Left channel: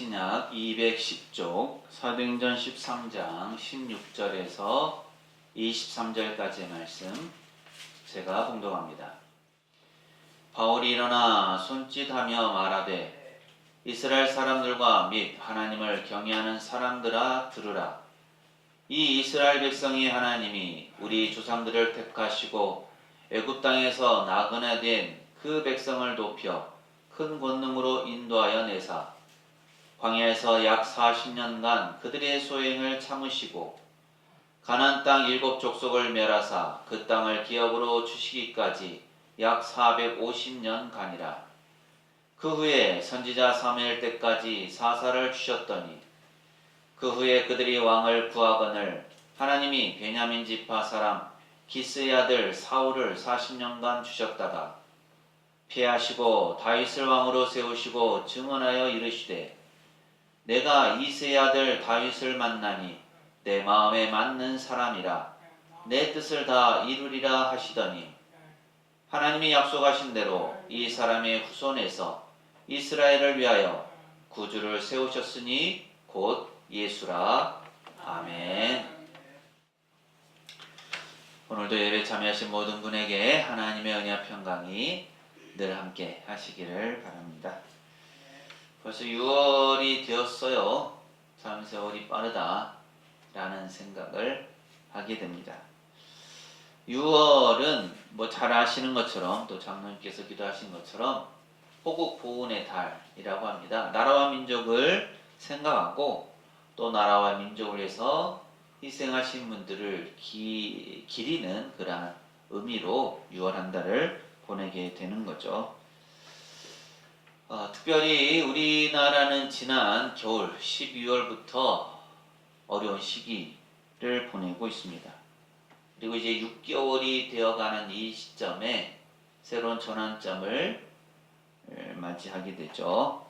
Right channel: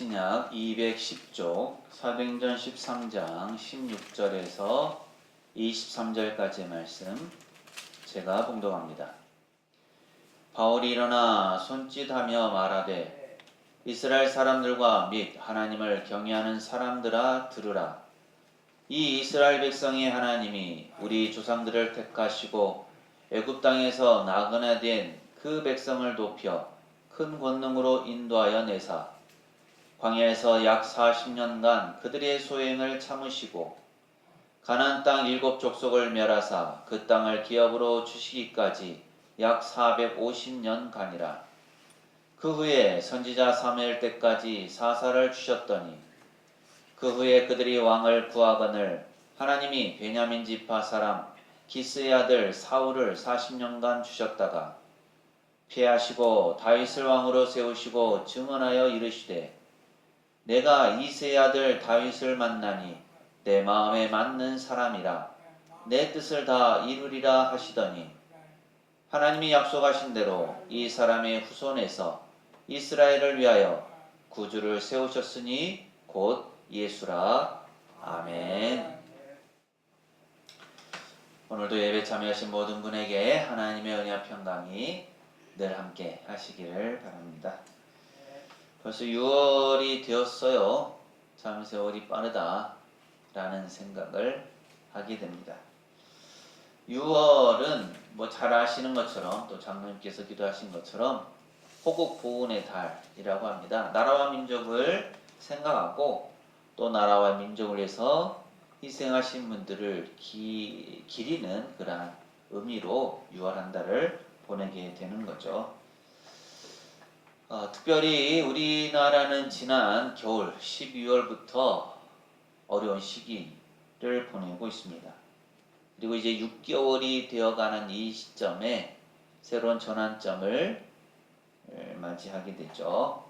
신약 210쪽 사도행전 13장 16절에서 23절까지의 말씀 제가 봉독합니다. 바울이 일어나 손짓하며 말하되 이스라엘 사람들과 및 하나님을 경외하는 사람들아 들으라. 이 이스라엘 백성의 하나님이 우리 조상들을 택하시고 애굽 땅에서 나그네 된 그 백성을 높여 큰 권능으로 인도하여 내사 광야에서 약 40년간 그들의 소행을 참으시고 가나안 땅 7족속을 멸하사 그 땅을 기업으로 주시기까지 약 450년간이라. 그 후에 선지자 사무엘 때까지 사사를 주셨더니 그 후에 그들이 왕을 구하거늘 하나님이 베냐민 지파 사람 기스의 아들 사울을 40년간 주셨다가 피하시고 다윗을 왕으로 세우시고 증언하여 이르시되 내가 이새의 아들 다윗을 만나니 내 마음에 맞는 사람이라 내 뜻을 다 이루리라 하시더니 하나님이 약속하신 대로 이 사람의 후손에서 이스라엘을 위하여 구주를 세우셨으니 곧 예수라. 아멘. 오늘도 예배 참여하신 모든 분에게 하나님의 은혜와 평강이 늘 함께 하시기를 바랍니다. 벌써 6월이 되었어요. 참 세월이 빠르다 라는 생각을 하게 됩니다. 6월은 잘 아시는 것처럼 또 장로님께서 기도하신 것처럼 호국 보훈의 달이라고 합니다. 나라와 민족을 생각하고 또 나라와 민족을 위해서 희생하신 분들을 기리는 그러한 의미로 6월 한 달을 보내게 되는 거죠. 특별히 우리나라는 지난 겨울 12월부터 어려운 시기를 보내고 있습니다. 그리고 이제 6개월이 되어가는 이 시점에 새로운 전환점을 맞이하게 되죠.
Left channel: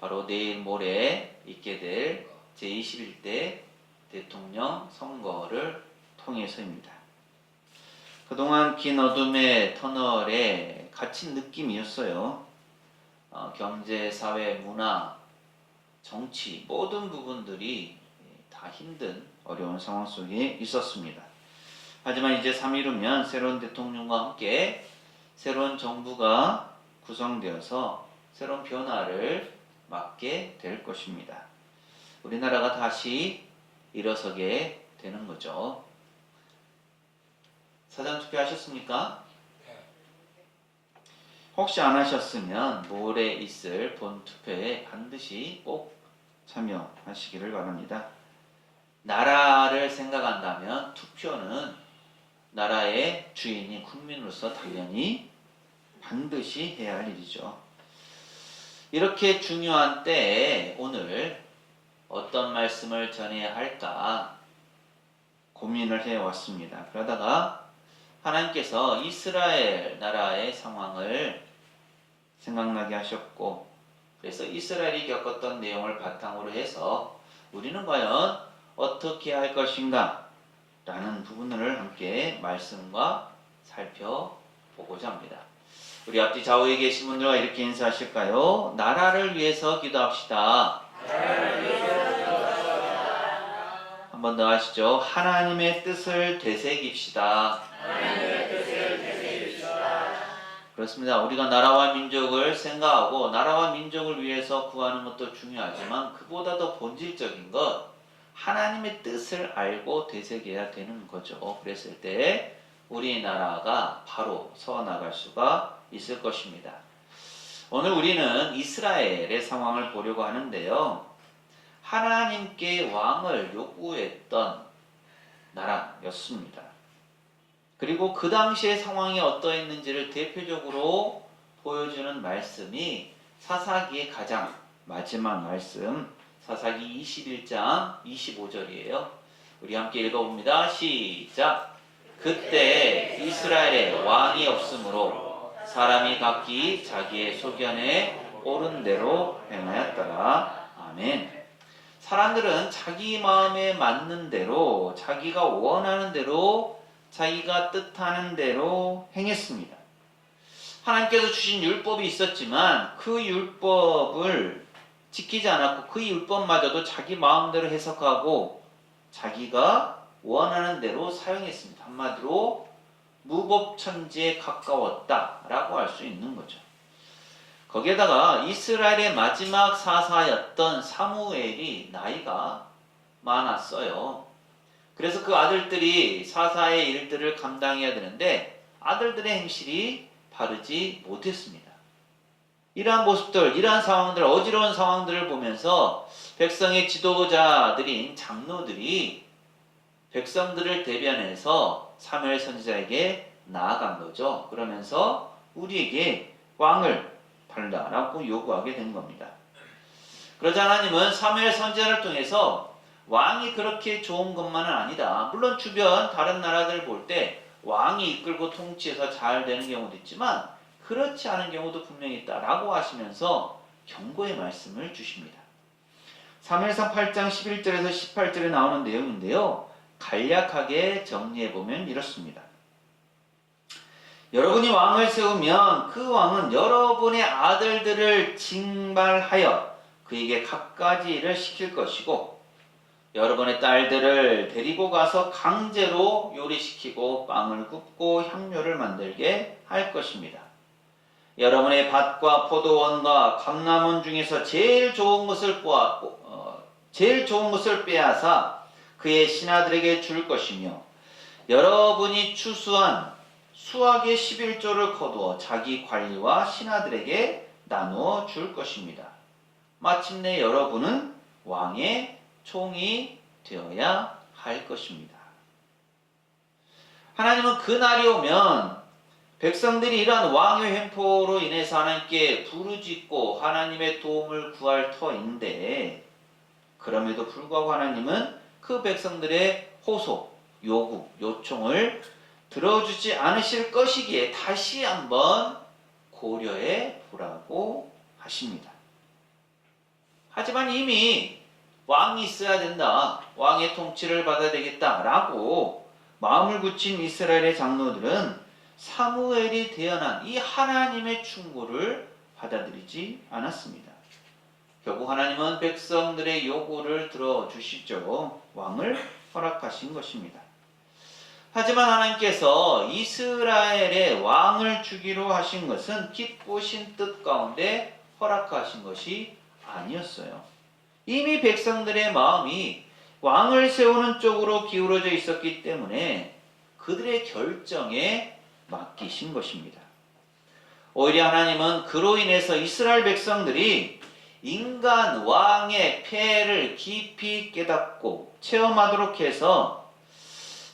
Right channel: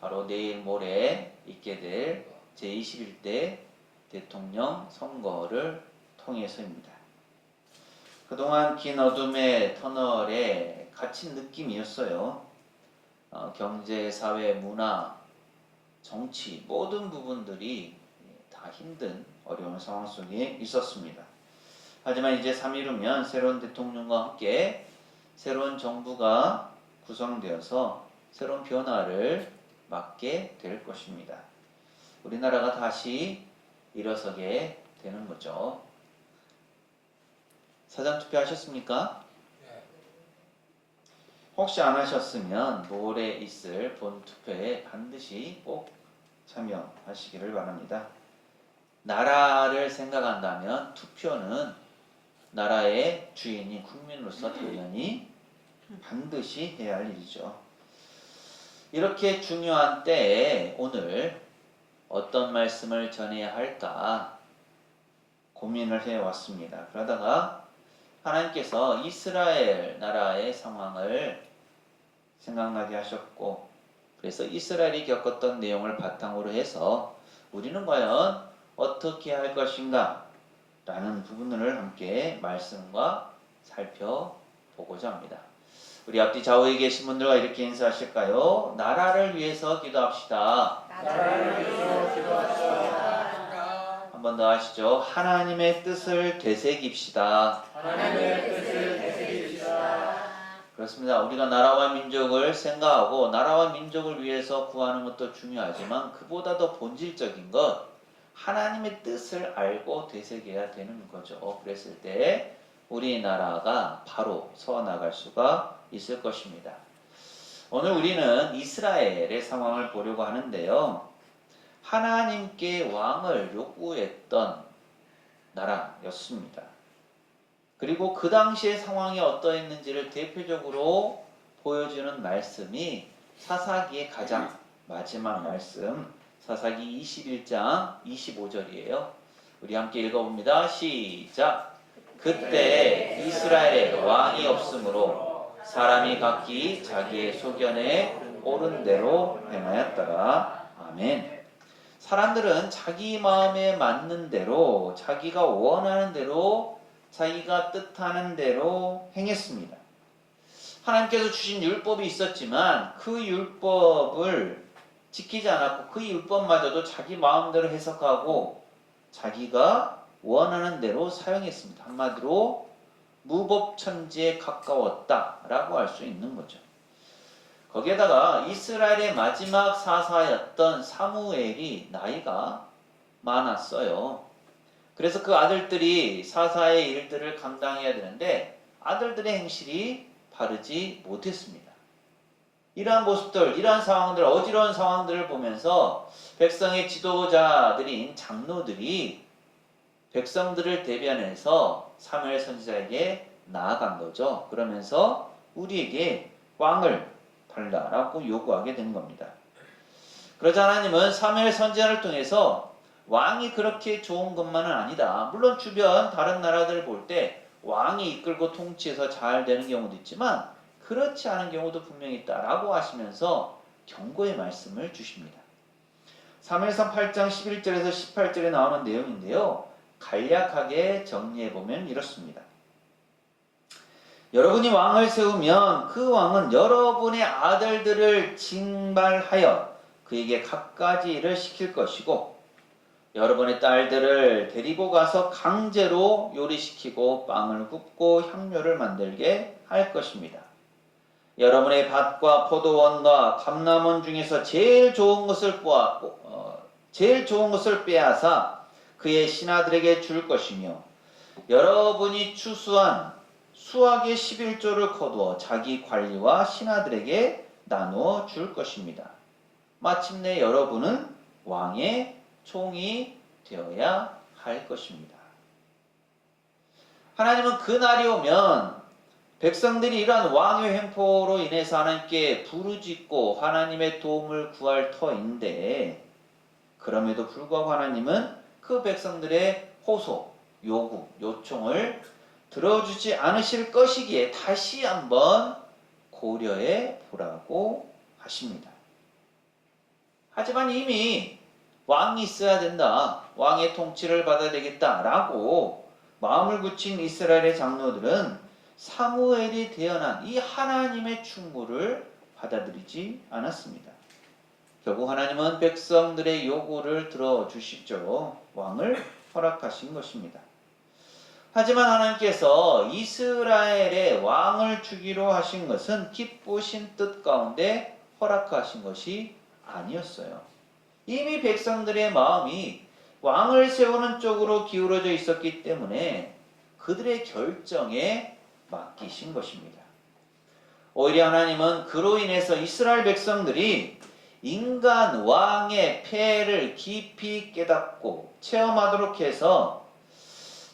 바로 내일 모레 있게 될 제21대 대통령 선거를 통해서입니다. 그동안 긴 어둠의 터널에 갇힌 느낌이었어요. 경제, 사회, 문화, 정치 모든 부분들이 다 힘든 어려운 상황 속에 있었습니다. 하지만 이제 3일 후면 새로운 대통령과 함께 새로운 정부가 구성되어서 새로운 변화를 맞게 될 것입니다. 우리나라가 다시 일어서게 되는 거죠. 사전투표 하셨습니까? 혹시 안 하셨으면 모레 있을 본투표에 반드시 꼭 참여하시기를 바랍니다. 나라를 생각한다면 투표는 나라의 주인인 국민으로서 당연히 반드시 해야 할 일이죠. 이렇게 중요한 때에 오늘 어떤 말씀을 전해야 할까 고민을 해왔습니다. 그러다가 하나님께서 이스라엘 나라의 상황을 생각나게 하셨고 그래서 이스라엘이 겪었던 내용을 바탕으로 해서 우리는 과연 어떻게 할 것인가 라는 부분을 함께 말씀과 살펴보고자 합니다. 우리 앞뒤 좌우에 계신 분들과 이렇게 인사하실까요? 나라를 위해서 기도합시다. 나라를 위해서 기도합시다. 한 번 더 하시죠. 하나님의 뜻을 되새깁시다. 하나님의 뜻을 되새깁시다. 그렇습니다. 우리가 나라와 민족을 생각하고 나라와 민족을 위해서 구하는 것도 중요하지만 그보다 더 본질적인 것 하나님의 뜻을 알고 되새겨야 되는 거죠. 그랬을 때 우리나라가 바로 서나갈 수가 있을 것입니다. 오늘 우리는 이스라엘의 상황을 보려고 하는데요. 하나님께 왕을 요구했던 나라였습니다. 그리고 그 당시의 상황이 어떠했는지를 대표적으로 보여주는 말씀이 사사기의 가장 마지막 말씀 사사기 21장 25절이에요. 우리 함께 읽어봅니다. 시작! 그때 이스라엘에 왕이 없으므로 사람이 각기 자기의 소견에 옳은 대로 행하였더라. 아멘. 사람들은 자기 마음에 맞는 대로 자기가 원하는 대로 자기가 뜻하는 대로 행했습니다. 하나님께서 주신 율법이 있었지만 그 율법을 지키지 않았고 그 율법마저도 자기 마음대로 해석하고 자기가 원하는 대로 사용했습니다. 한마디로 무법천지에 가까웠다라고 할 수 있는 거죠. 거기에다가 이스라엘의 마지막 사사였던 사무엘이 나이가 많았어요. 그래서 그 아들들이 사사의 일들을 감당해야 되는데 아들들의 행실이 바르지 못했습니다. 이러한 모습들, 이러한 상황들, 어지러운 상황들을 보면서 백성의 지도자들인 장로들이 백성들을 대변해서 사무엘 선지자에게 나아간 거죠. 그러면서 우리에게 왕을 달라라고 요구하게 된 겁니다. 그러자 하나님은 사무엘 선지자를 통해서 왕이 그렇게 좋은 것만은 아니다. 물론 주변 다른 나라들 볼 때 왕이 이끌고 통치해서 잘 되는 경우도 있지만 그렇지 않은 경우도 분명히 있다라고 하시면서 경고의 말씀을 주십니다. 사무엘상 8장 11절에서 18절에 나오는 내용인데요. 간략하게 정리해보면 이렇습니다. 여러분이 왕을 세우면 그 왕은 여러분의 아들들을 징발하여 그에게 갖가지 일을 시킬 것이고 여러분의 딸들을 데리고 가서 강제로 요리시키고 빵을 굽고 향료를 만들게 할 것입니다. 여러분의 밭과 포도원과 감람원 중에서 제일 좋은 것을 빼앗아 그의 신하들에게 줄 것이며 여러분이 추수한 수확의 11조를 거두어 자기 관리와 신하들에게 나누어 줄 것입니다. 마침내 여러분은 왕의 총이 되어야 할 것입니다. 하나님은 그 날이 오면 백성들이 이러한 왕의 횡포로 인해서 하나님께 부르짖고 하나님의 도움을 구할 터인데 그럼에도 불구하고 하나님은 그 백성들의 호소, 요구, 요청을 들어주지 않으실 것이기에 다시 한번 고려해 보라고 하십니다. 하지만 이미 왕이 있어야 된다, 왕의 통치를 받아야 되겠다라고 마음을 굳힌 이스라엘의 장로들은 사무엘이 대언한 이 하나님의 충고를 받아들이지 않았습니다. 결국 하나님은 백성들의 요구를 들어주시죠. 왕을 허락하신 것입니다. 하지만 하나님께서 이스라엘의 왕을 주기로 하신 것은 기쁘신 뜻 가운데 허락하신 것이 아니었어요. 이미 백성들의 마음이 왕을 세우는 쪽으로 기울어져 있었기 때문에 그들의 결정에 맡기신 것입니다. 오히려 하나님은 그로 인해서 이스라엘 백성들이 인간 왕의 폐해를 깊이 깨닫고 체험하도록 해서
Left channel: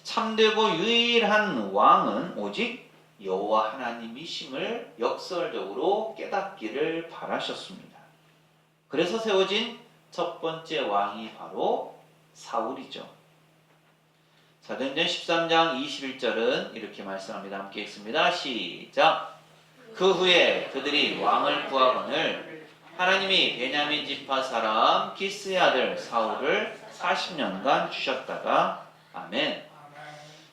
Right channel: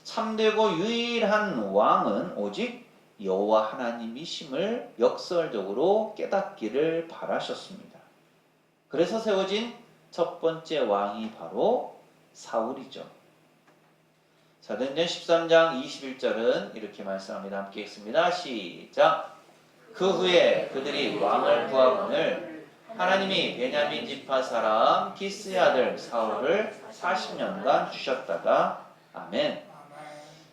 참되고 유일한 왕은 오직 여호와 하나님이심을 역설적으로 깨닫기를 바라셨습니다. 그래서 세워진 첫 번째 왕이 바로 사울이죠. 사도행전 13장 21절은 이렇게 말씀합니다. 함께 읽습니다. 시작. 그 후에 그들이 왕을 구하거늘 하나님이 베냐민 지파 사람 기스의 아들 사울을 40년간 주셨다가 아멘.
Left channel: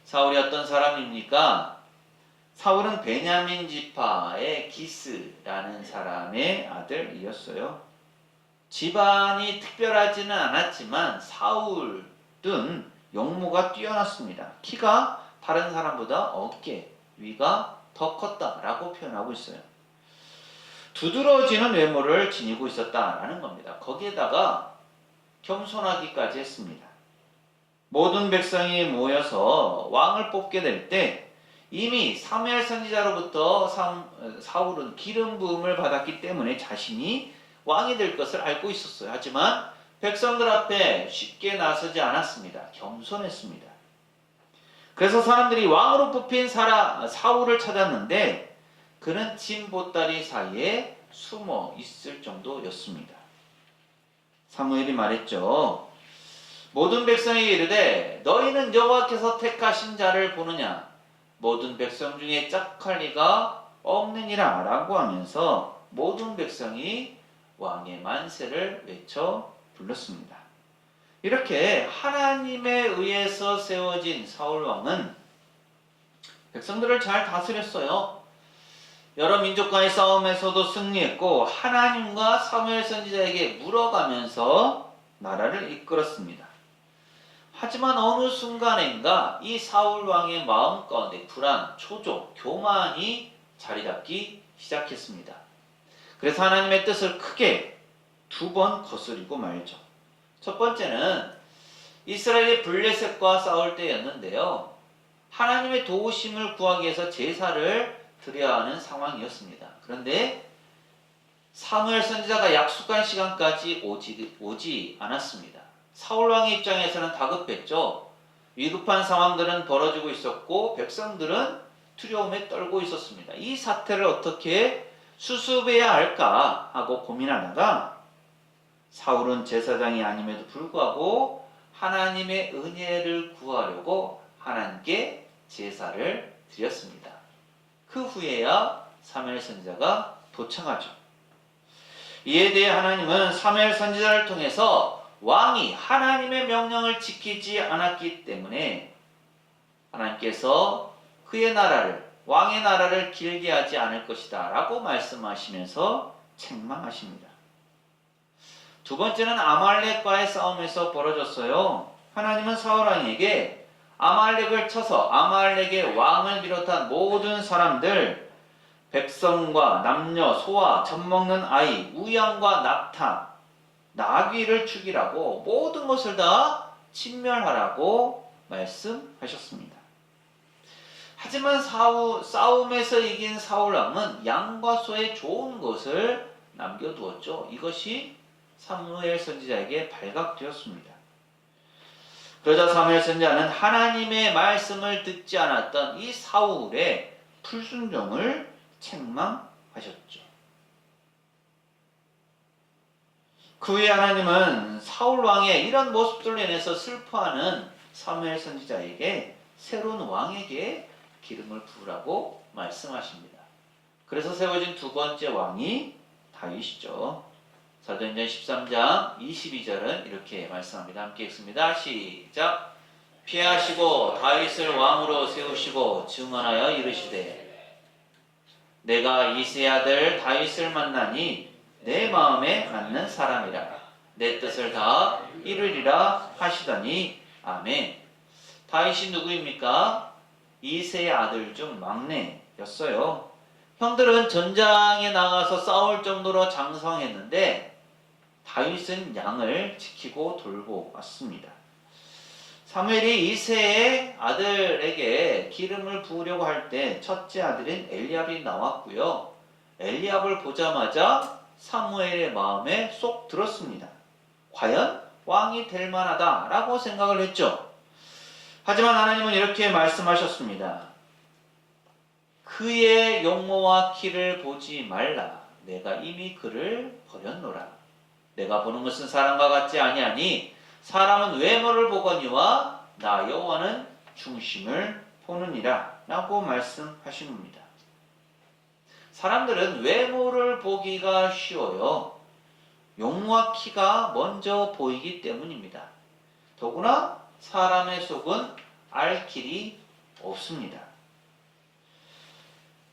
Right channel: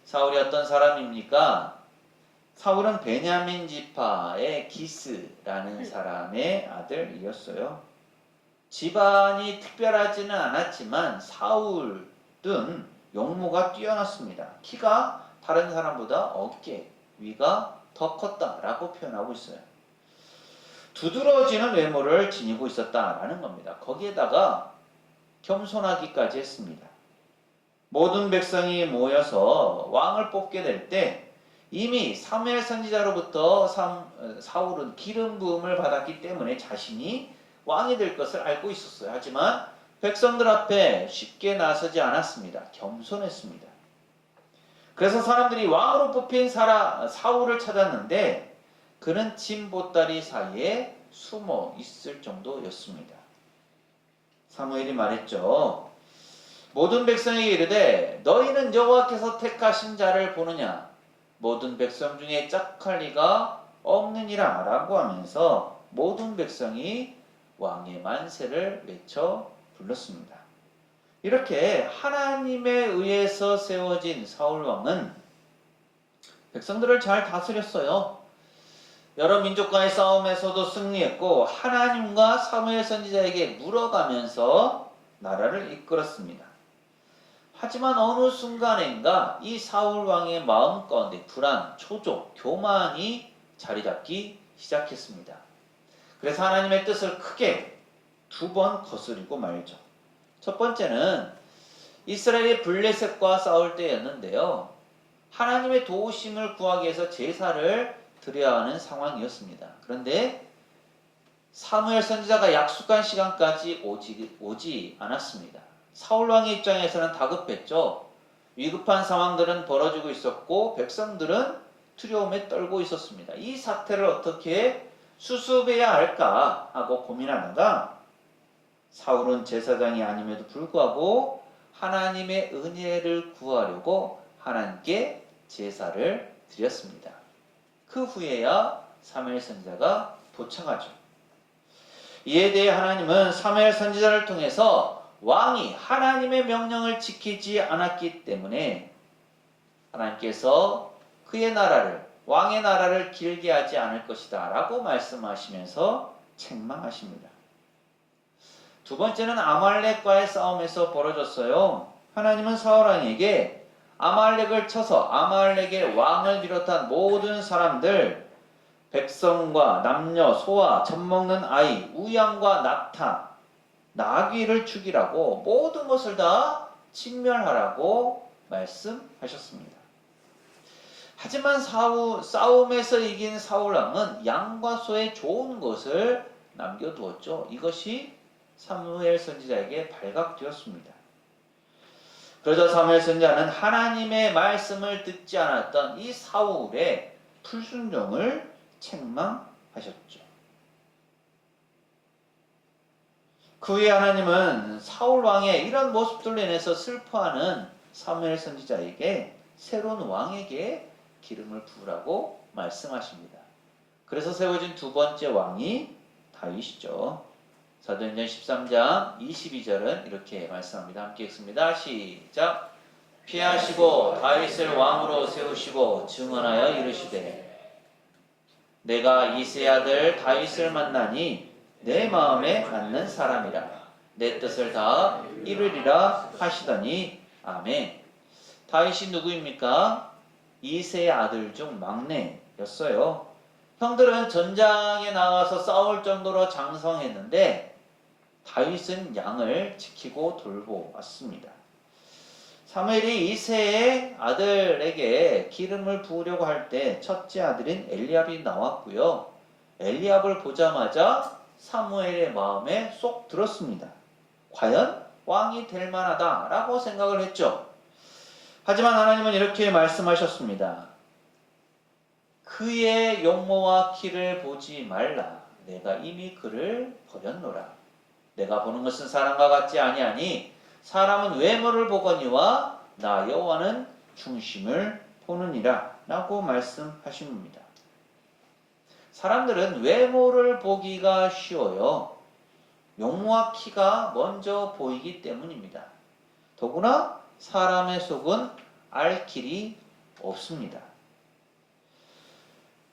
사울이 어떤 사람입니까? 사울은 베냐민 지파의 기스라는 사람의 아들이었어요. 집안이 특별하지는 않았지만 사울은 용모가 뛰어났습니다. 키가 다른 사람보다 어깨 위가 더 컸다라고 표현하고 있어요. 두드러지는 외모를 지니고 있었다라는 겁니다. 거기에다가 겸손하기까지 했습니다. 모든 백성이 모여서 왕을 뽑게 될 때 이미 사무엘 선지자로부터 사울은 기름 부음을 받았기 때문에 자신이 왕이 될 것을 알고 있었어요. 하지만 백성들 앞에 쉽게 나서지 않았습니다. 겸손했습니다. 그래서 사람들이 왕으로 뽑힌 사울을 찾았는데 그는 진 보따리 사이에 숨어 있을 정도였습니다. 사무엘이 말했죠. 모든 백성이 이르되 너희는 여호와께서 택하신 자를 보느냐? 모든 백성 중에 짝할 리가 없느니라 라고 하면서 모든 백성이 왕의 만세를 외쳐 불렀습니다. 이렇게 하나님에 의해서 세워진 사울왕은 백성들을 잘 다스렸어요. 여러 민족과의 싸움에서도 승리했고 하나님과 사무엘 선지자에게 물어가면서 나라를 이끌었습니다. 하지만 어느 순간인가 이 사울 왕의 마음 가운데 불안, 초조, 교만이 자리 잡기 시작했습니다. 그래서 하나님의 뜻을 크게 두 번 거스리고 말죠. 첫 번째는 이스라엘이 블레셋과 싸울 때였는데요. 하나님의 도우심을 구하기 위해서 제사를 드려야 하는 상황이었습니다. 그런데 사무엘 선지자가 약속한 시간까지 오지 않았습니다. 사울왕의 입장에서는 다급했죠. 위급한 상황들은 벌어지고 있었고 백성들은 두려움에 떨고 있었습니다. 이 사태를 어떻게 수습해야 할까 하고 고민하다가 사울은 제사장이 아님에도 불구하고 하나님의 은혜를 구하려고 하나님께 제사를 드렸습니다. 그 후에야 사무엘 선지자가 도착하죠. 이에 대해 하나님은 사무엘 선지자를 통해서 왕이 하나님의 명령을 지키지 않았기 때문에 하나님께서 그의 나라를, 왕의 나라를 길게 하지 않을 것이다 라고 말씀하시면서 책망하십니다. 두 번째는 아말렉과의 싸움에서 벌어졌어요. 하나님은 사울왕에게 아말렉을 쳐서 아말렉의 왕을 비롯한 모든 사람들, 백성과 남녀, 소와, 젖먹는 아이, 우양과 낙타, 나귀를 죽이라고 모든 것을 다 진멸하라고 말씀하셨습니다. 하지만 싸움에서 이긴 사울왕은 양과 소의 좋은 것을 남겨두었죠. 이것이 사무엘 선지자에게 발각되었습니다. 그러자 사무엘 선지자는 하나님의 말씀을 듣지 않았던 이 사울의 불순종을 책망하셨죠. 그 후에 하나님은 사울 왕의 이런 모습들로 인해서 슬퍼하는 사무엘 선지자에게 새로운 왕에게 기름을 부으라고 말씀하십니다. 그래서 세워진 두 번째 왕이 다윗이죠. 사도행전 13장 22절은 이렇게 말씀합니다. 함께 읽습니다. 시작. 피하시고 다윗을 왕으로 세우시고 증언하여 이르시되 내가 이새의 아들 다윗을 만나니 내 마음에 맞는 사람이라 내 뜻을 다 이루리라 하시더니 아멘. 다윗이 누구입니까? 이새의 아들 중 막내였어요. 형들은 전장에 나가서 싸울 정도로 장성했는데 다윗은 양을 지키고 돌보 왔습니다. 사무엘이 이새의 아들에게 기름을 부으려고 할 때 첫째 아들인 엘리압이 나왔고요. 엘리압을 보자마자 사무엘의 마음에 쏙 들었습니다. 과연 왕이 될 만하다라고 생각을 했죠. 하지만 하나님은 이렇게 말씀하셨습니다. 그의 용모와 키를 보지 말라. 내가 이미 그를 버렸노라. 내가 보는 것은 사람과 같지 아니하니 사람은 외모를 보거니와 나 여호와는 중심을 보느니라 라고 말씀하십니다. 사람들은 외모를 보기가 쉬워요. 용모와 키가 먼저 보이기 때문입니다. 더구나 사람의 속은 알 길이 없습니다.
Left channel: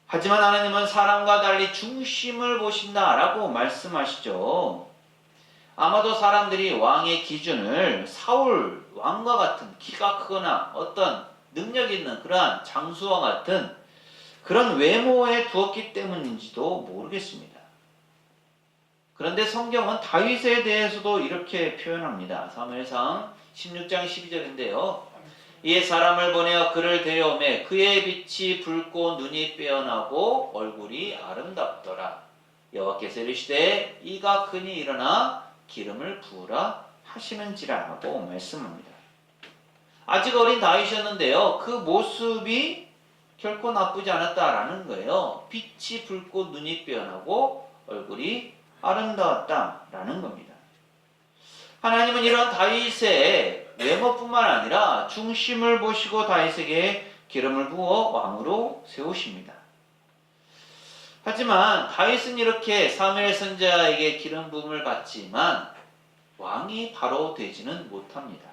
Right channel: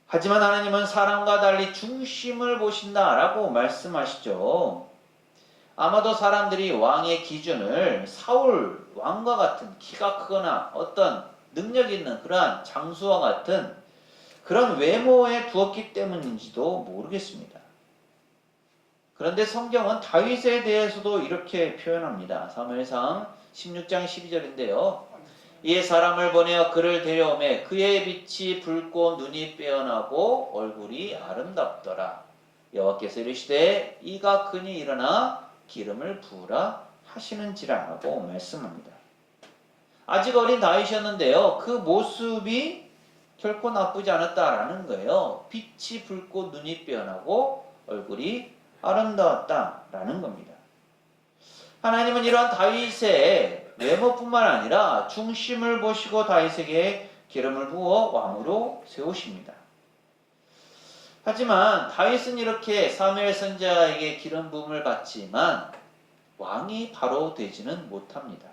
하지만 하나님은 사람과 달리 중심을 보신다라고 말씀하시죠. 아마도 사람들이 왕의 기준을 사울 왕과 같은 키가 크거나 어떤 능력 있는 그러한 장수와 같은 그런 외모에 두었기 때문인지도 모르겠습니다. 그런데 성경은 다윗에 대해서도 이렇게 표현합니다. 사무엘상 16장 12절인데요. 이에 사람을 보내어 그를 데려오매 그의 빛이 붉고 눈이 빼어나고 얼굴이 아름답더라. 여호와께서 이르시되 이가 그니 일어나 기름을 부으라 하시는지라 하고 말씀합니다. 아직 어린 다윗이었는데요. 그 모습이 결코 나쁘지 않았다라는 거예요. 빛이 붉고 눈이 빼어나고 얼굴이 아름다웠다라는 겁니다. 하나님은 이런 다윗의 외모뿐만 아니라 중심을 보시고 다윗에게 기름을 부어 왕으로 세우십니다. 하지만 다윗은 이렇게 사무엘 선지자에게 기름 부음을 받지만 왕이 바로 되지는 못합니다.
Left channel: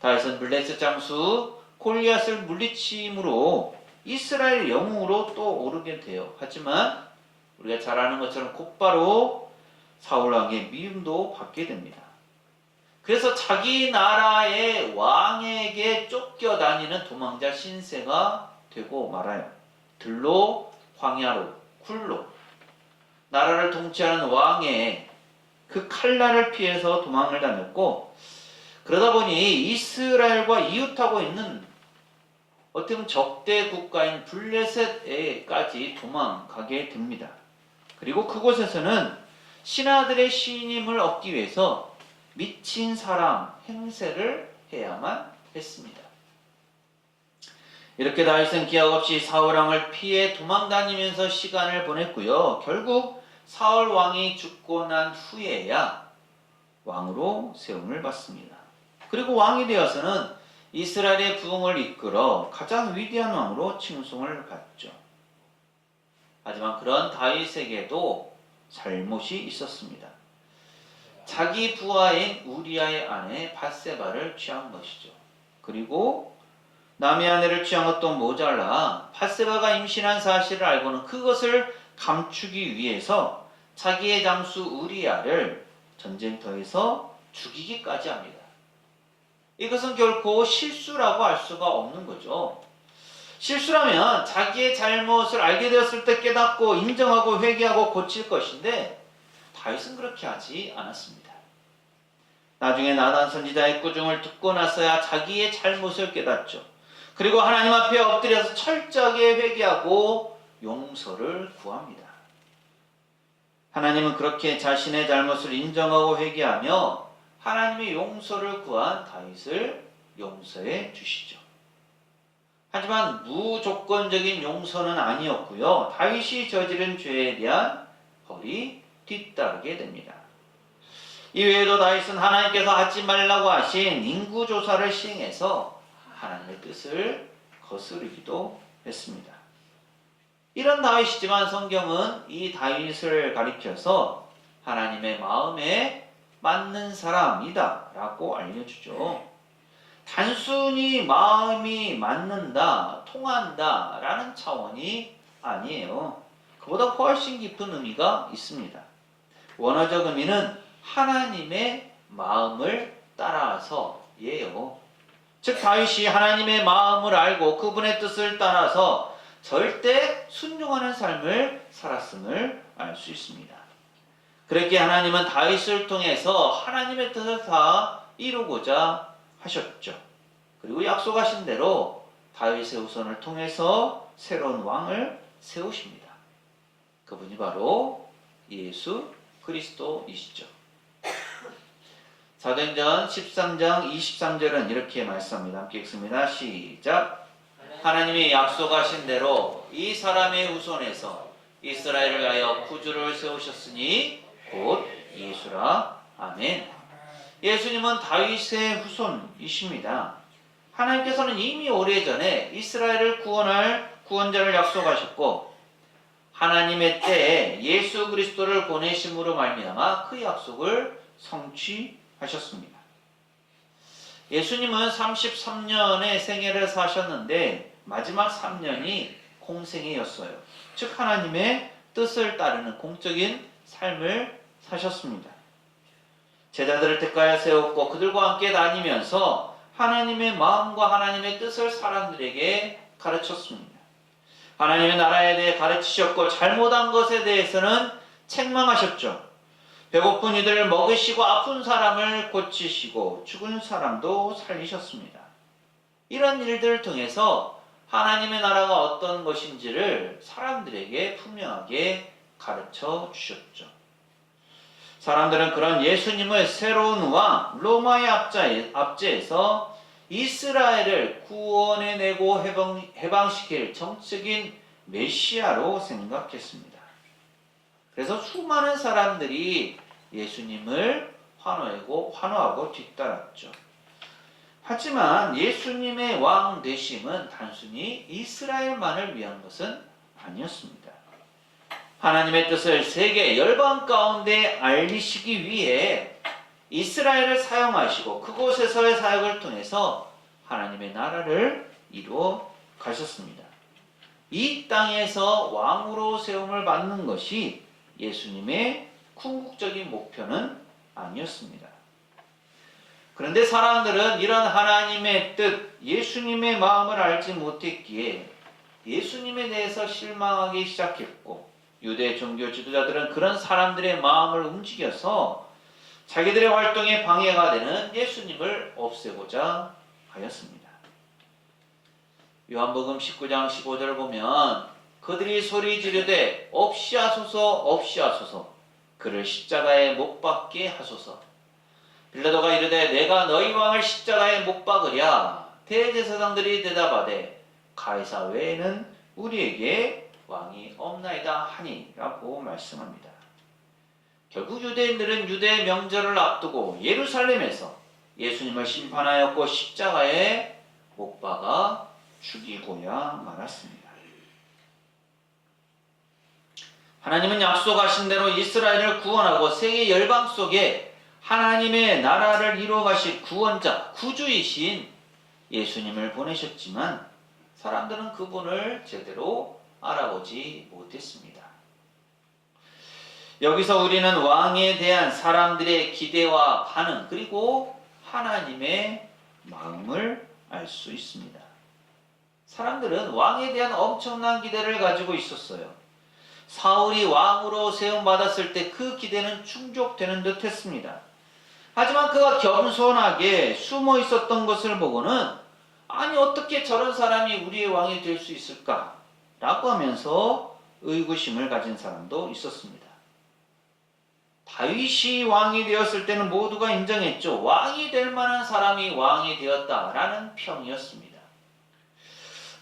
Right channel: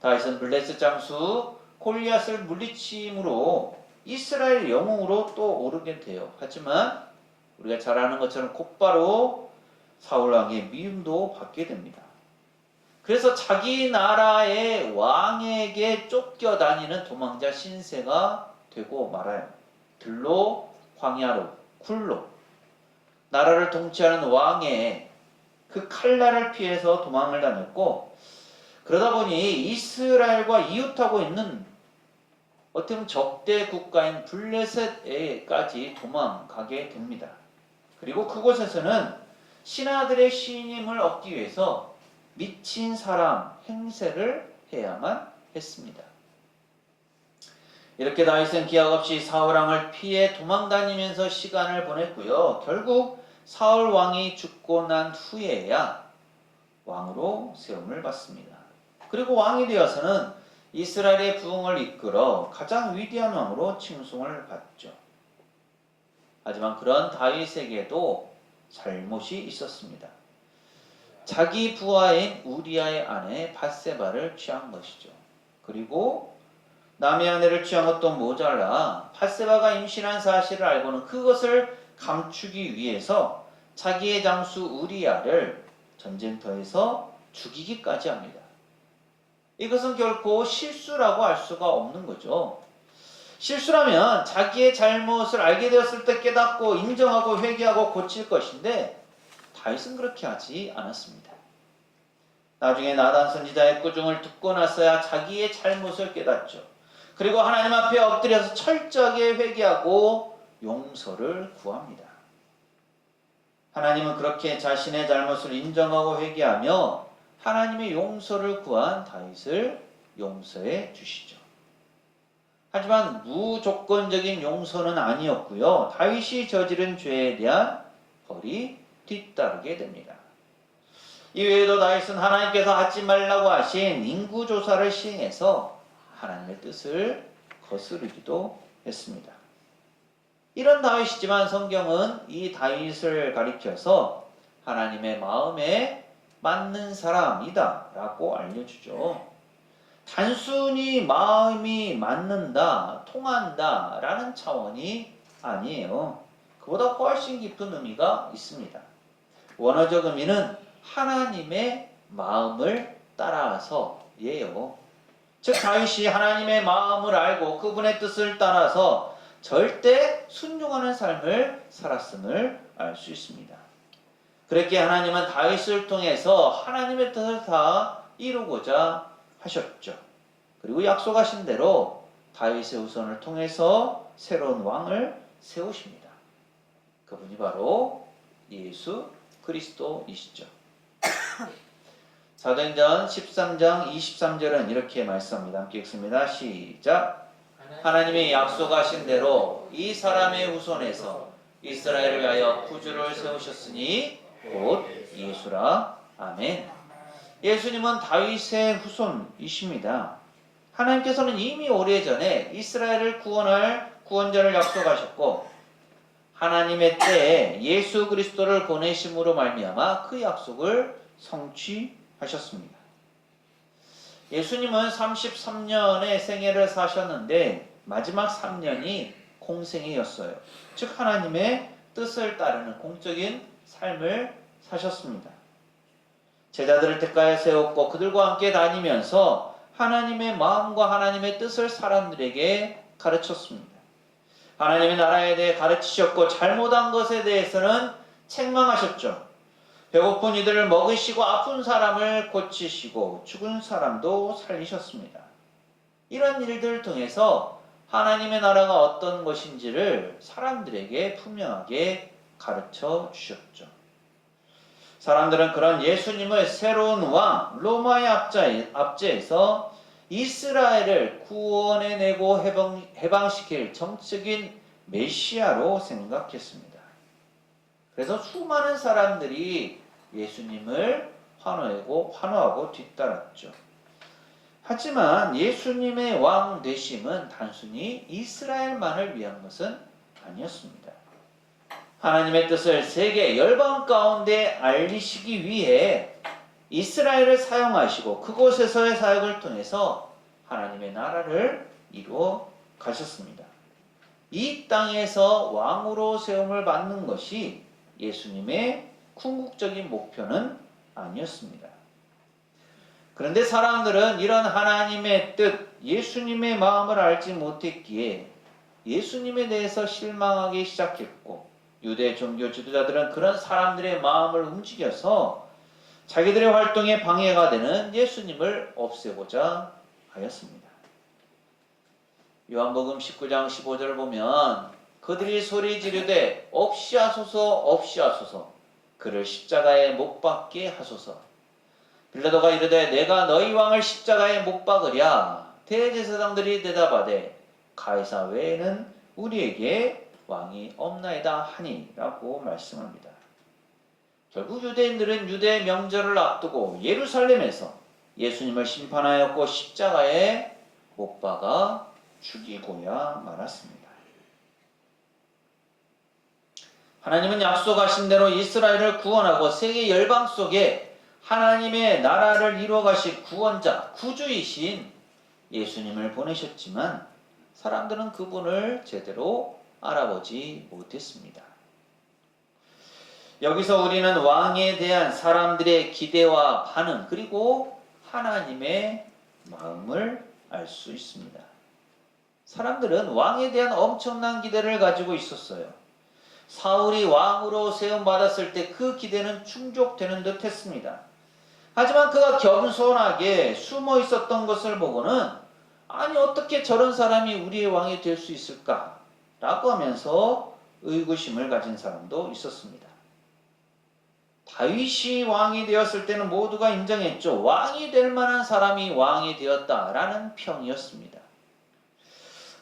다윗은 블레셋 장수 골리앗을 물리침으로 이스라엘 영웅으로 또 오르게 돼요. 하지만 우리가 잘 아는 것처럼 곧바로 사울 왕의 미움도 받게 됩니다. 그래서 자기 나라의 왕에게 쫓겨다니는 도망자 신세가 되고 말아요. 들로, 광야로, 굴로 나라를 통치하는 왕의 그 칼날을 피해서 도망을 다녔고, 그러다 보니 이스라엘과 이웃하고 있는 어떻게 보면 적대 국가인 블레셋에까지 도망가게 됩니다. 그리고 그곳에서는 신하들의 신임을 얻기 위해서 미친 사람 행세를 해야만 했습니다. 이렇게 다윗은 기약 없이 사울 왕을 피해 도망다니면서 시간을 보냈고요. 결국 사울 왕이 죽고 난 후에야 왕으로 세움을 받습니다. 그리고 왕이 되어서는 이스라엘의 부흥을 이끌어 가장 위대한 왕으로 칭송을 받죠. 하지만 그런 다윗에게도 잘못이 있었습니다. 자기 부하인 우리아의 아내 밧세바를 취한 것이죠. 그리고 남의 아내를 취한 것도 모자라 밧세바가 임신한 사실을 알고는 그것을 감추기 위해서 자기의 장수 우리아를 전쟁터에서 죽이기까지 합니다. 이것은 결코 실수라고 할 수가 없는 거죠. 실수라면 자기의 잘못을 알게 되었을 때 깨닫고 인정하고 회개하고 고칠 것인데 다윗은 그렇게 하지 않았습니다. 나중에 나단 선지자의 꾸중을 듣고 나서야 자기의 잘못을 깨닫죠. 그리고 하나님 앞에 엎드려서 철저하게 회개하고 용서를 구합니다. 하나님은 그렇게 자신의 잘못을 인정하고 회개하며 하나님의 용서를 구한 다윗을 용서해 주시죠. 하지만 무조건적인 용서는 아니었고요. 다윗이 저지른 죄에 대한 벌이 뒤따르게 됩니다. 이외에도 다윗은 하나님께서 하지 말라고 하신 인구조사를 시행해서 하나님의 뜻을 거스르기도 했습니다. 이런 다윗이지만 성경은 이 다윗을 가리켜서 하나님의 마음에 맞는 사람이다 라고 알려주죠. 단순히 마음이 맞는다, 통한다 라는 차원이 아니에요. 그보다 훨씬 깊은 의미가 있습니다. 원어적 의미는 하나님의 마음을 따라서예요. 즉 다윗이 하나님의 마음을 알고 그분의 뜻을 따라서 절대 순종하는 삶을 살았음을 알 수 있습니다. 그렇게 하나님은 다윗을 통해서 하나님의 뜻을 다 이루고자 하셨죠. 그리고 약속하신 대로 다윗의 후손을 통해서 새로운 왕을 세우십니다. 그분이 바로 예수 그리스도이시죠. 사도행전 13장 23절은 이렇게 말씀합니다. 함께 읽습니다. 시작. 하나님이 약속하신 대로 이 사람의 후손에서 이스라엘을 위하여 구주를 세우셨으니 곧 예수라. 아멘. 예수님은 다윗의 후손이십니다. 하나님께서는 이미 오래전에 이스라엘을 구원할 구원자를 약속하셨고 하나님의 때에 예수 그리스도를 보내심으로 말미암아 그 약속을 성취하셨습니다. 예수님은 33년의 생애를 사셨는데 마지막 3년이 공생애였어요. 즉 하나님의 뜻을 따르는 공적인 삶을 사셨습니다. 제자들을 택하여 세웠고 그들과 함께 다니면서 하나님의 마음과 하나님의 뜻을 사람들에게 가르쳤습니다. 하나님의 나라에 대해 가르치셨고 잘못한 것에 대해서는 책망하셨죠. 배고픈 이들을 먹이시고 아픈 사람을 고치시고 죽은 사람도 살리셨습니다. 이런 일들을 통해서 하나님의 나라가 어떤 것인지를 사람들에게 분명하게 가르쳐 주셨죠. 사람들은 그런 예수님을 새로운 왕 로마의 압제에서 이스라엘을 구원해내고 해방시킬 정적인 메시아로 생각했습니다. 그래서 수많은 사람들이 예수님을 환호하고 뒤따랐죠. 하지만 예수님의 왕 되심은 단순히 이스라엘만을 위한 것은 아니었습니다. 하나님의 뜻을 세계 열방 가운데 알리시기 위해 이스라엘을 사용하시고 그곳에서의 사역을 통해서 하나님의 나라를 이루어 가셨습니다. 이 땅에서 왕으로 세움을 받는 것이 예수님의 궁극적인 목표는 아니었습니다. 그런데 사람들은 이런 하나님의 뜻, 예수님의 마음을 알지 못했기에 예수님에 대해서 실망하기 시작했고, 유대 종교 지도자들은 그런 사람들의 마음을 움직여서 자기들의 활동에 방해가 되는 예수님을 없애고자 하였습니다. 요한복음 19장 15절을 보면 그들이 소리 지르되 없이 하소서 없이 하소서, 그를 십자가에 못 박게 하소서. 빌라도가 이르되 내가 너희 왕을 십자가에 못 박으랴. 대제사장들이 대답하되 가이사 외에는 우리에게 왕이 없나이다 하니라고 말씀합니다. 결국 유대인들은 유대 명절을 앞두고 예루살렘에서 예수님을 심판하였고 십자가에 못 박아 죽이고야 말았습니다. 하나님은 약속하신 대로 이스라엘을 구원하고 세계 열방 속에 하나님의 나라를 이루어 가실 구원자, 구주이신 예수님을 보내셨지만 사람들은 그분을 제대로 알아보지 못했습니다. 여기서 우리는 왕에 대한 사람들의 기대와 반응, 그리고 하나님의 마음을 알 수 있습니다. 사람들은 왕에 대한 엄청난 기대를 가지고 있었어요. 사울이 왕으로 세움받았을 때 그 기대는 충족되는 듯 했습니다. 하지만 그가 겸손하게 숨어 있었던 것을 보고는 아니 어떻게 저런 사람이 우리의 왕이 될 수 있을까? 라고 하면서 의구심을 가진 사람도 있었습니다. 다윗이 왕이 되었을 때는 모두가 인정했죠. 왕이 될 만한 사람이 왕이 되었다라는 평이었습니다.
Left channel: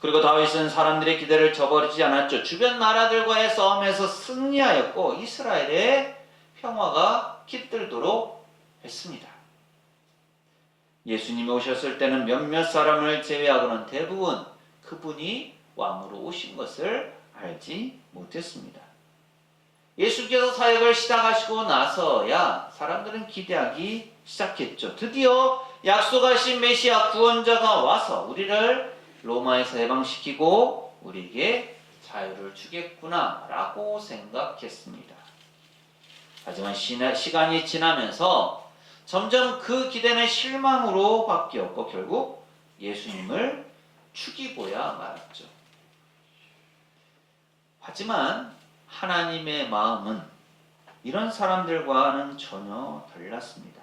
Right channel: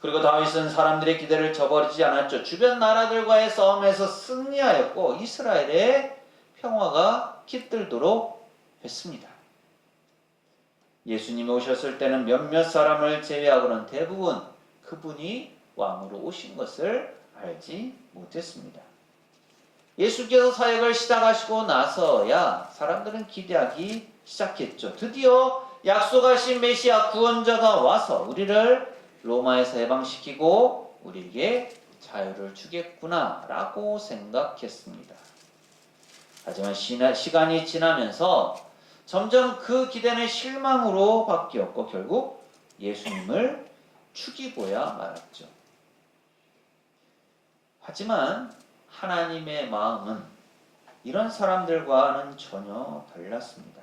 그리고 다윗은 사람들의 기대를 저버리지 않았죠. 주변 나라들과의 싸움에서 승리하였고 이스라엘의 평화가 깃들도록 했습니다. 예수님이 오셨을 때는 몇몇 사람을 제외하고는 대부분 그분이 왕으로 오신 것을 알지 못했습니다. 예수께서 사역을 시작하시고 나서야 사람들은 기대하기 시작했죠. 드디어 약속하신 메시아 구원자가 와서 우리를 로마에서 해방시키고 우리에게 자유를 주겠구나 라고 생각했습니다. 하지만 시간이 지나면서 점점 그 기대는 실망으로 바뀌었고 결국 예수님을 죽이고야 말았죠. 하지만 하나님의 마음은 이런 사람들과는 전혀 달랐습니다.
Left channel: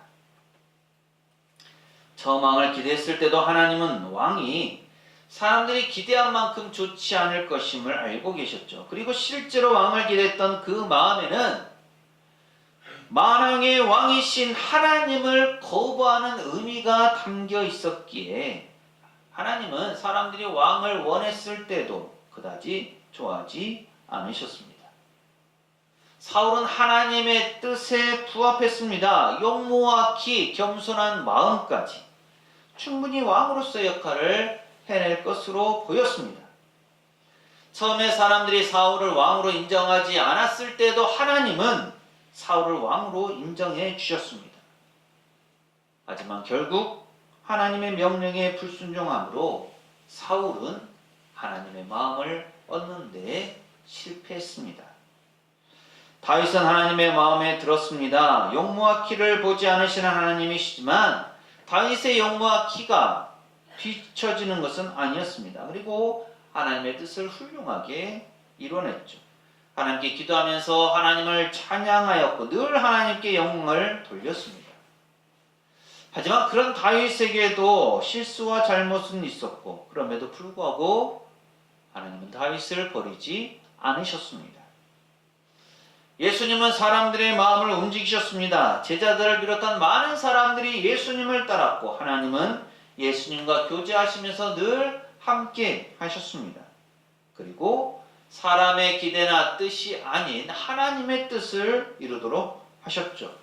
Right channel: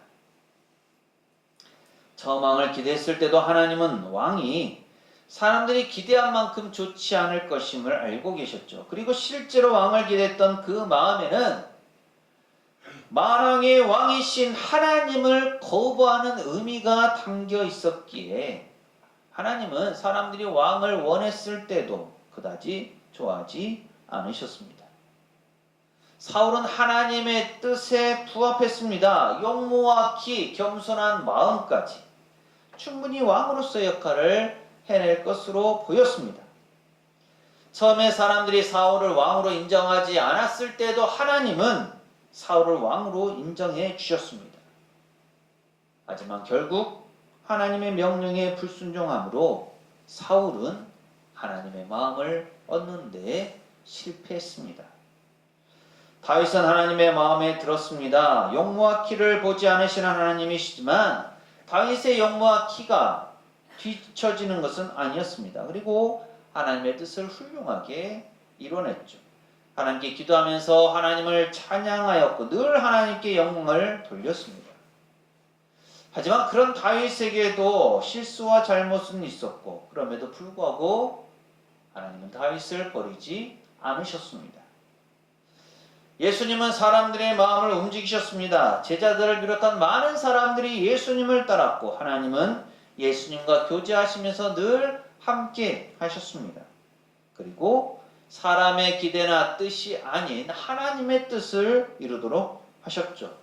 처음 왕을 기대했을 때도 하나님은 왕이 사람들이 기대한 만큼 좋지 않을 것임을 알고 계셨죠. 그리고 실제로 왕을 기대했던 그 마음에는 만왕의 왕이신 하나님을 거부하는 의미가 담겨 있었기에 하나님은 사람들이 왕을 원했을 때도 그다지 좋아하지 않으셨습니다. 사울은 하나님의 뜻에 부합했습니다. 용모와 키, 겸손한 마음까지 충분히 왕으로서의 역할을 해낼 것으로 보였습니다. 처음에 사람들이 사울을 왕으로 인정하지 않았을 때도 하나님은 사울을 왕으로 인정해 주셨습니다. 하지만 결국 하나님의 명령에 불순종함으로 사울은 하나님의 마음을 얻는 데 실패했습니다. 다윗은 하나님의 마음에 들었습니다. 용모와 키를 보지 않으시는 하나님이시지만 다윗의 용모와 키가 뒤처지는 것은 아니었습니다. 그리고 하나님의 뜻을 훌륭하게 이뤄냈죠. 하나님께 기도하면서 하나님을 찬양하였고 늘 하나님께 영광을 돌렸습니다. 하지만 그런 다윗에게도 실수와 잘못은 있었고 그럼에도 불구하고 하나님은 다윗을 버리지 않으셨습니다. 예수님은 사람들의 마음을 움직이셨습니다. 제자들을 비롯한 많은 사람들이 예수님을 따랐고 하나님은 예수님과 교제하시면서 늘 함께 하셨습니다. 그리고 사람의 기대나 뜻이 아닌 하나님의 뜻을 이루도록 하셨죠.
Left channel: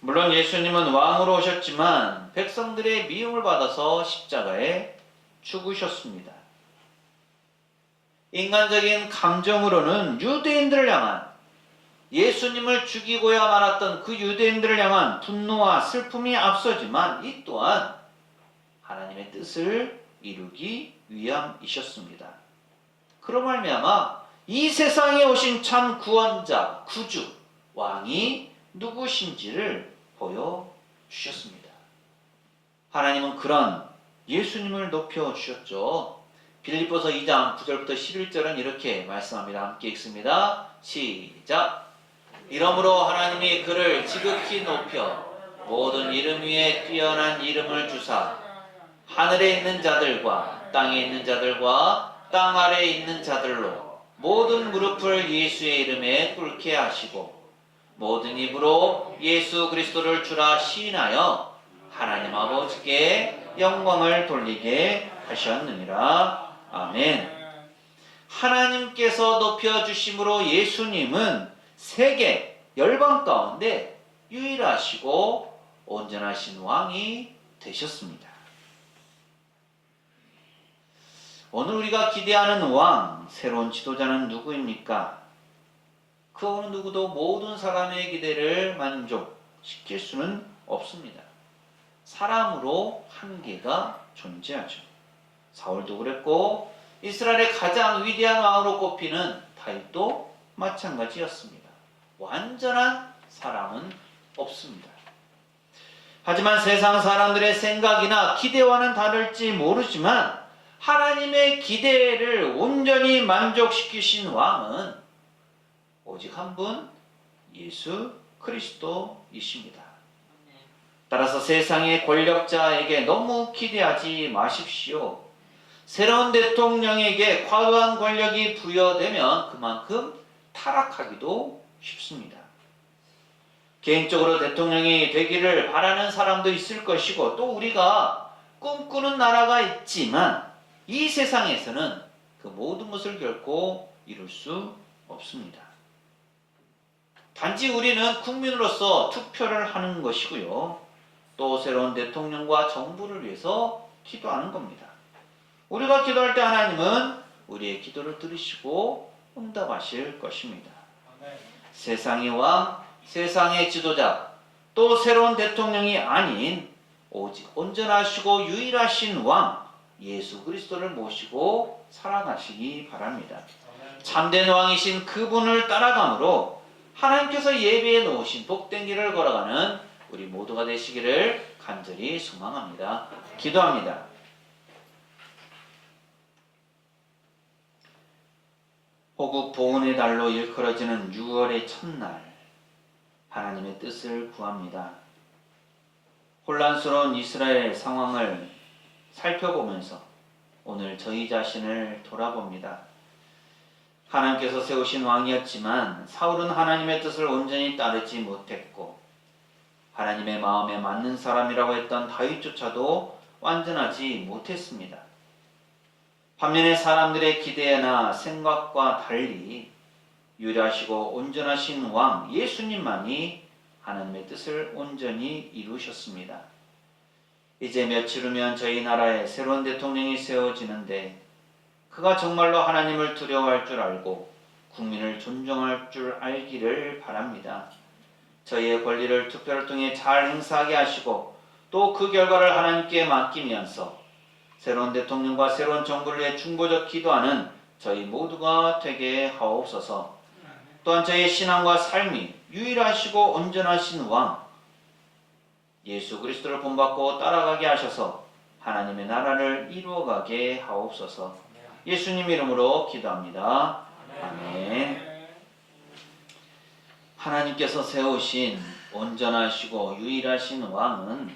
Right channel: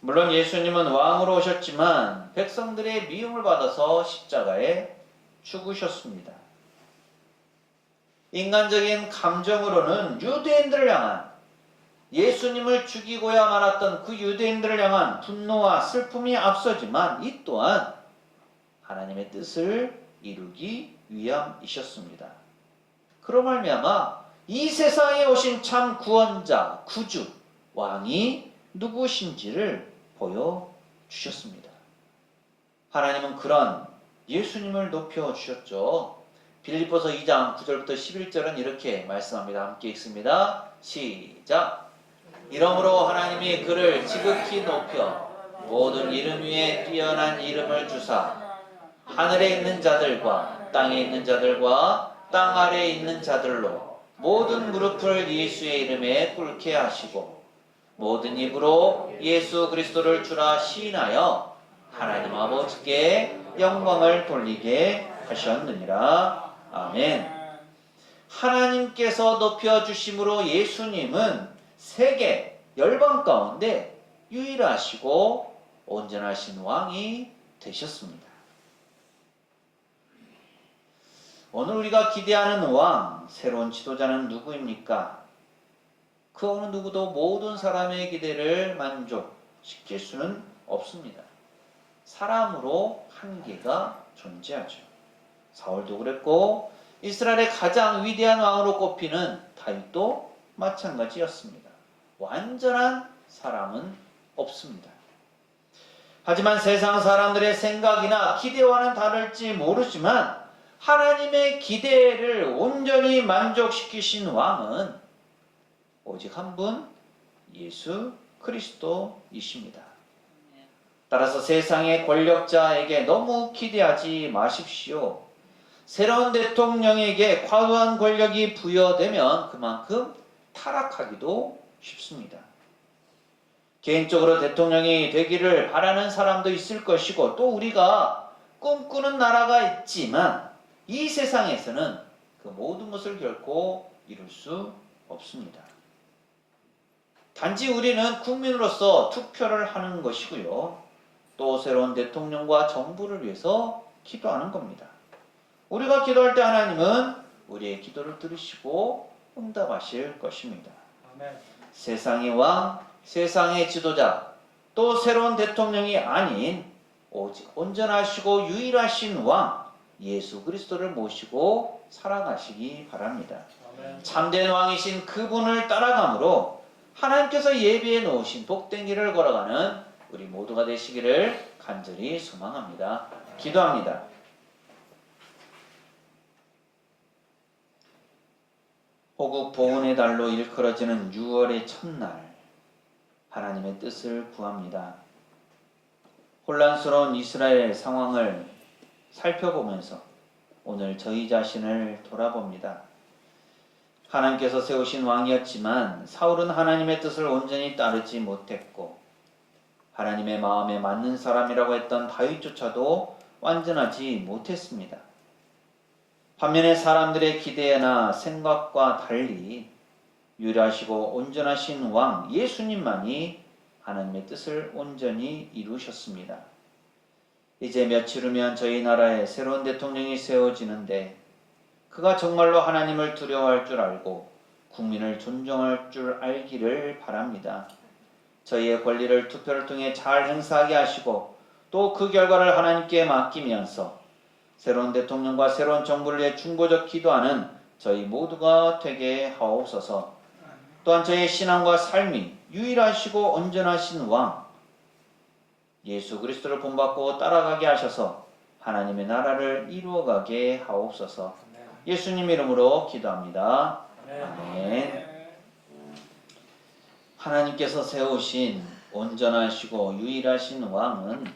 물론 예수님은 왕으로 오셨지만 백성들의 미움을 받아서 십자가에 죽으셨습니다. 인간적인 감정으로는 유대인들을 향한 예수님을 죽이고야 말았던 그 유대인들을 향한 분노와 슬픔이 앞서지만 이 또한 하나님의 뜻을 이루기 위함이셨습니다. 그로 말미암아 이 세상에 오신 참 구원자, 구주, 왕이 누구신지를 보여주셨습니다. 하나님은 그런 예수님을 높여주셨죠. 빌립보서 2장 9절부터 11절은 이렇게 말씀합니다. 함께 읽습니다. 시작. 이러므로 하나님이 그를 지극히 높여 모든 이름 위에 뛰어난 이름을 주사 하늘에 있는 자들과 땅에 있는 자들과 땅 아래에 있는 자들로 모든 무릎을 예수의 이름에 꿇게 하시고 모든 입으로 예수 그리스도를 주라 시인하여 하나님 아버지께 영광을 돌리게 하셨느니라. 아멘. 하나님께서 높여주심으로 예수님은 세계 열방 가운데 유일하시고 온전하신 왕이 되셨습니다. 오늘 우리가 기대하는 왕, 새로운 지도자는 누구입니까? 그 어느 누구도 모든 사람의 기대를 만족시킬 수는 없습니다. 사람으로 한계가 존재하죠. 사울도 그랬고 이스라엘의 가장 위대한 왕으로 꼽히는 다윗도 마찬가지였습니다. 완전한 사람은 없습니다. 하지만 세상 사람들의 생각이나 기대와는 다를지 모르지만 하나님의 기대를 온전히 만족시키신 왕은 오직 한 분, 예수 그리스도이십니다. 따라서 세상의 권력자에게 너무 기대하지 마십시오. 새로운 대통령에게 과도한 권력이 부여되면 그만큼 타락하기도 쉽습니다. 개인적으로 대통령이 되기를 바라는 사람도 있을 것이고 또 우리가 꿈꾸는 나라가 있지만 이 세상에서는 그 모든 것을 결코 이룰 수 없습니다. 단지 우리는 국민으로서 투표를 하는 것이고요. 또 새로운 대통령과 정부를 위해서 기도하는 겁니다. 우리가 기도할 때 하나님은 우리의 기도를 들으시고 응답하실 것입니다. 세상의 왕, 세상의 지도자, 또 새로운 대통령이 아닌 오직 온전하시고 유일하신 왕 예수 그리스도를 모시고 살아가시기 바랍니다. 참된 왕이신 그분을 따라감으로 하나님께서 예비해 놓으신 복된 길을 걸어가는 우리 모두가 되시기를 간절히 소망합니다. 기도합니다. 호국 보훈의 달로 일컬어지는 6월의 첫날 하나님의 뜻을 구합니다. 혼란스러운 이스라엘 상황을 살펴보면서 오늘 저희 자신을 돌아봅니다. 하나님께서 세우신 왕이었지만 사울은 하나님의 뜻을 온전히 따르지 못했고 하나님의 마음에 맞는 사람이라고 했던 다윗조차도 완전하지 못했습니다. 반면에 사람들의 기대나 생각과 달리 유일하시고 온전하신 왕 예수님만이 하나님의 뜻을 온전히 이루셨습니다. 이제 며칠 후면 저희 나라에 새로운 대통령이 세워지는데 그가 정말로 하나님을 두려워할 줄 알고 국민을 존중할 줄 알기를 바랍니다. 저희의 권리를 투표를 통해 잘 행사하게 하시고 또 그 결과를 하나님께 맡기면서 새로운 대통령과 새로운 정부를 위해 중보적 기도하는 저희 모두가 되게 하옵소서. 또한 저희의 신앙과 삶이 유일하시고 온전하신 왕 예수 그리스도를 본받고 따라가게 하셔서 하나님의 나라를 이루어가게 하옵소서. 예수님 이름으로 기도합니다. 아멘. 하나님께서 세우신 온전하시고 유일하신 왕은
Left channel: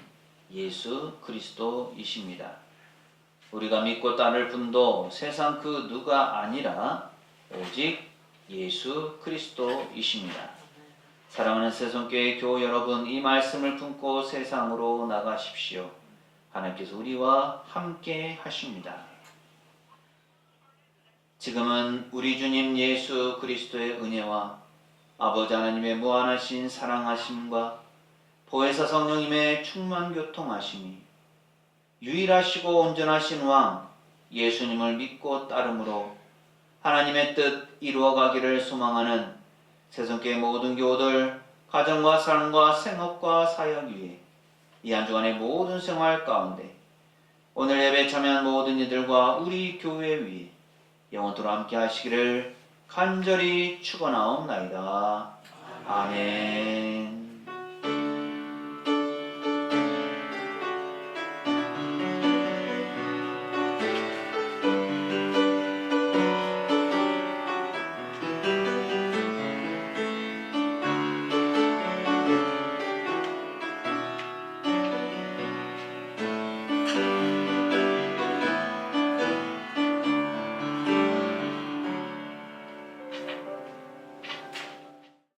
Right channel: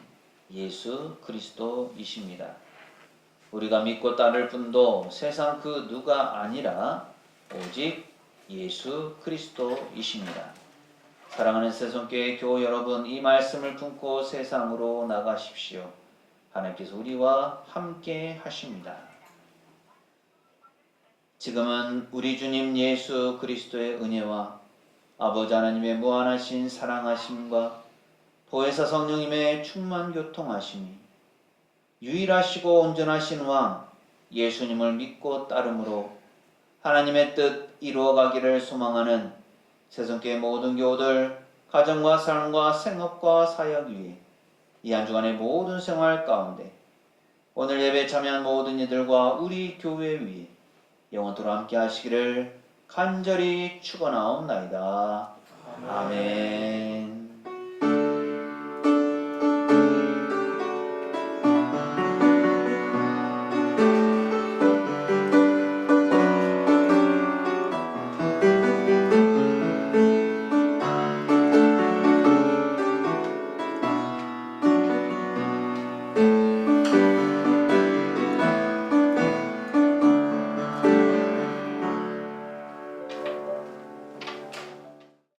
예수 그리스도이십니다. 우리가 믿고 따를 분도 세상 그 누가 아니라 오직 예수 그리스도이십니다. 사랑하는 새송교회 교우 여러분, 이 말씀을 품고 세상으로 나가십시오. 하나님께서 우리와 함께 하십니다. 지금은 우리 주님 예수 그리스도의 은혜와 아버지 하나님의 무한하신 사랑하심과 보혜사 성령님의 충만 교통하심이 유일하시고 온전하신 왕 예수님을 믿고 따름으로 하나님의 뜻 이루어가기를 소망하는 새송교회 모든 교우들 가정과 삶과 생업과 사역 위에 이 한 주간의 모든 생활 가운데 오늘 예배에 참여한 모든 이들과 우리 교회 위에 영원토록 함께 하시기를 간절히 축원하옵나이다. 아멘.